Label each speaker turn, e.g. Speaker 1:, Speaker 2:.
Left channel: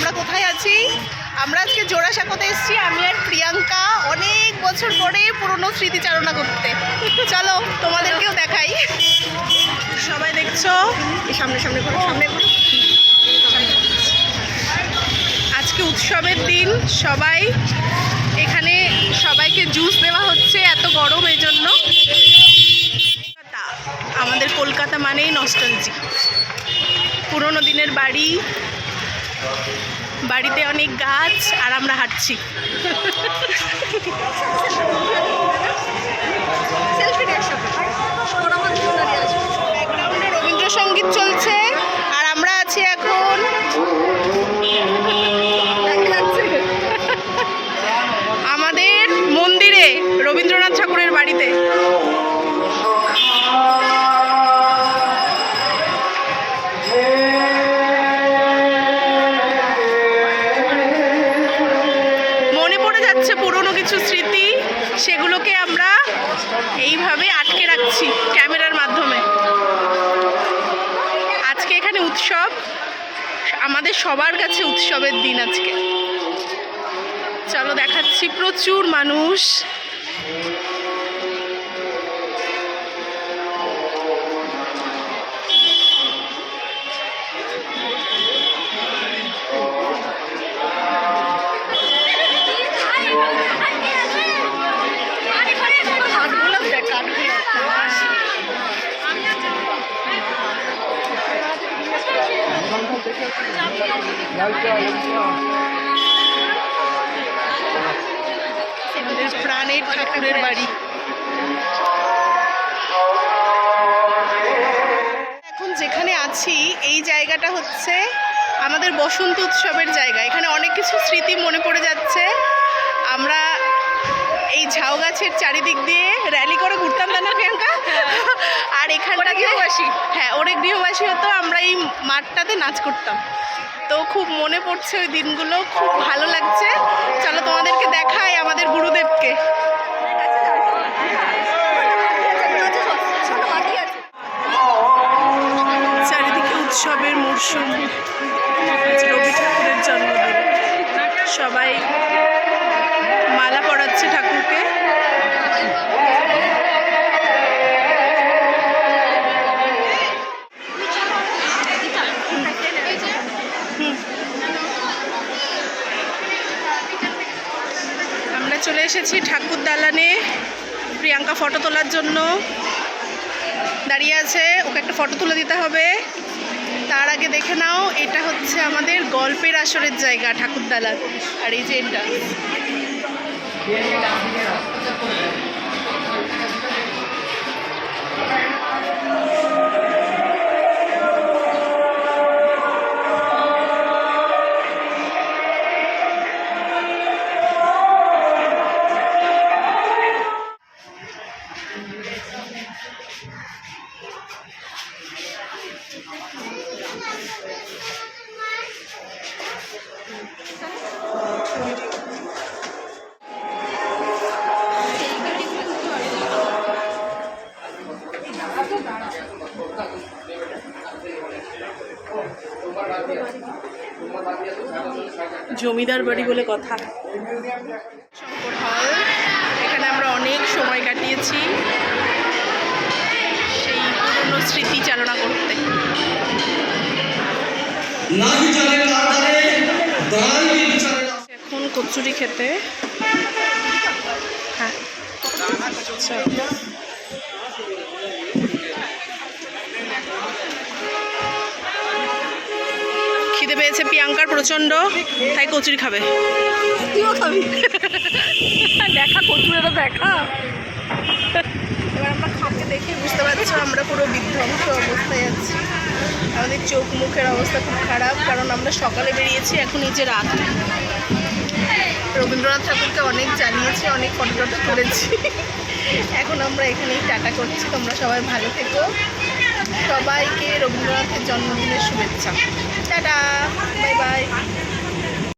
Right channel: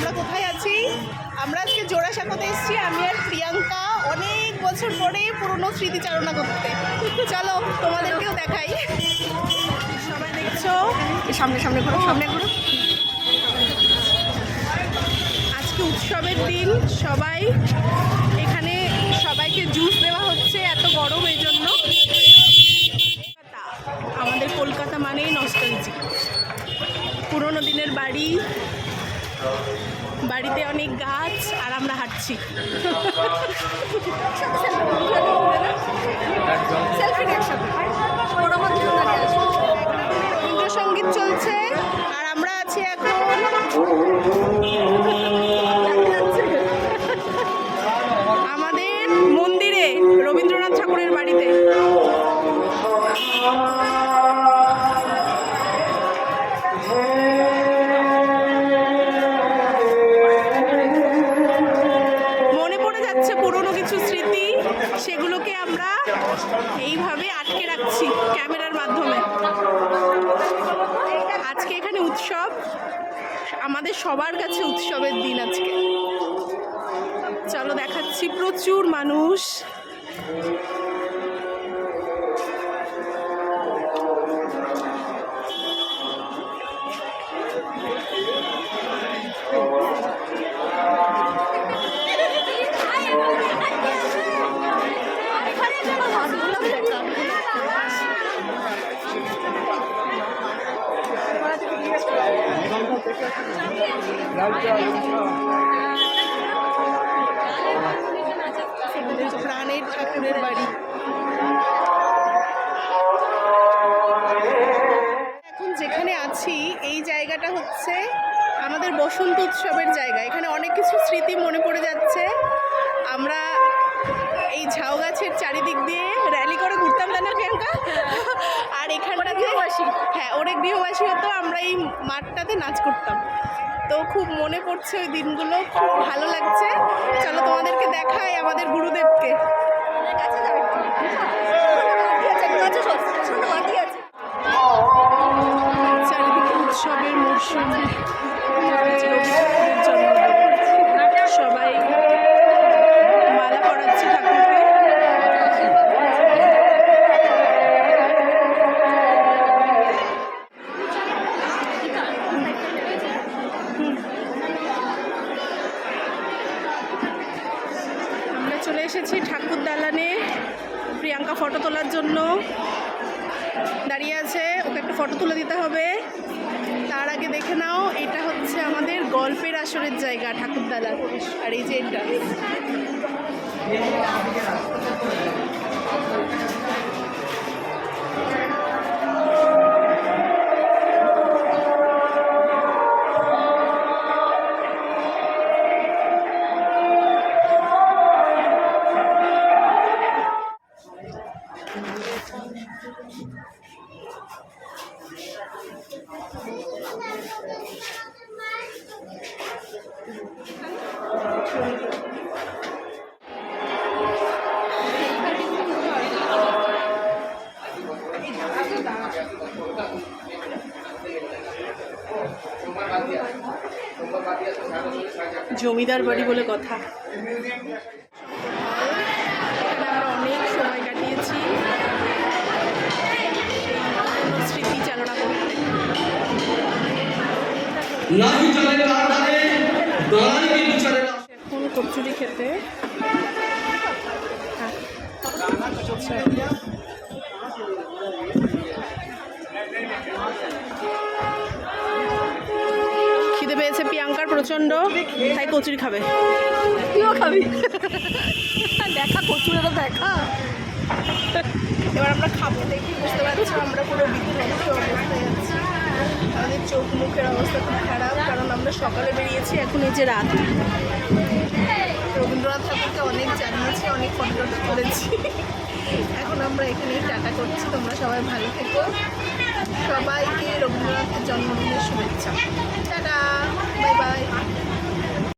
Speaker 1: আমরা কোথায় আছি? আমরা আজকে জোড়াসাঁকোতে এসেছি আমি আর প্রিয়াঙ্কা অনেক বছর পরে পুরনো স্মৃতিচারণা করতে। চলো তোমাদেরকেও দেখাই। সবাই দেখছ? সামনে সামনে ঘুরো, সামনে আজকে উৎসবের দিন সবাই এখানে সবাইকে জুস দেওয়া হচ্ছে এত গরম এই জন্য। আমাদের কলকাতা মানেই নস্টালজি পুরোনো দিনের বাড়ি বাড়িতে অনেক গাছ আর আমরা হাঁটছি। ব্যাকগ্রাউন্ডে রবীন্দ্রসঙ্গীত চলছে। পুরনো কিছু স্মৃতি সেগুলোকে আমরা এইভাবে আটকে রাখছি ক্যামেরার মাধ্যমে। আজকে এখানে উৎসব। আমাদের সবার কাছে উৎসবের দিন আজকে। চলো দেখাচ্ছি প্রচুর মানুষ। প্রাণের ঠাকুরের বাড়ি। এখন যেখানে আছি, এই জায়গাটা হচ্ছে আমাদের বসন্ত উৎসবের জায়গা। এখানে অনেক কিছু স্মৃতি মনে পড়ে যাচ্ছে। আমরা ঝাউ গাছের চারিদিক দিয়ে র্যালি করে ঘুরতাম না প্রিয়াঙ্কা? আর এখানটা গৃহবাসী। হ্যাঁ ওরে গৃহবাসী হতো আমরা এই মাঠটাতে নাচ করতাম। তো খুব মনে পড়ছে ওই দিনগুলো খুব ভালো লাগছে। চলো তোমাদেরকে দেখাই আমাদের গুরুদেবকে। চারিদিকে উৎসবের মরশুম রবি ঠাকুরের জন্মদিন। সবাই মালা পরাচ্ছে ঠাকুরকে। এসেছি ঠাকুর দালানে। প্রিয়াঙ্কা ফটো তোলার জন্য দাঁড়িয়ে আছে, ওকে একটা ফটো তুলে দিতে হবে। তার আগে দেখে নাও, এটা হচ্ছে আমাদের গল্পের আসরের জায়গা, ঠাকুর দালান। আর এই যে এটা। জমিদার বাড়ি বলে কথা। শঙ্কর হল। এখানে আমরা অনেক সময় কাটিয়েছি। এখন কচুরি খেতে। হ্যাঁ। আচ্ছা। খিদে পেয়েছে প্রিয়াঙ্কার প্রচণ্ড তাই কচুরি খাবে। তুইও খাবি। দেখা কচুরেরও দেখা। এবার আমরা খাপকে দেখে বুঝতে পারছ, আমরা পুরো বিধ্বংস অবস্থায় আছি। আমাদের চোখ মুখের অবস্থা খুব খারাপ, কারণ আমরা সকালে বেরিয়েছি, এখন এই যে রাত। রবীন্দ্রনাথ ঠাকুরকে অনেক জানিয়েছি, অনেক ফটো টটো করেছি। এখন আমরা এখানেই টাটা করছি। তোমরা সবাই ভালো থেকো। সবাইকে রবীন্দ্রনাথের জন্মদিনের শুভেচ্ছা। টাটা! Bye bye!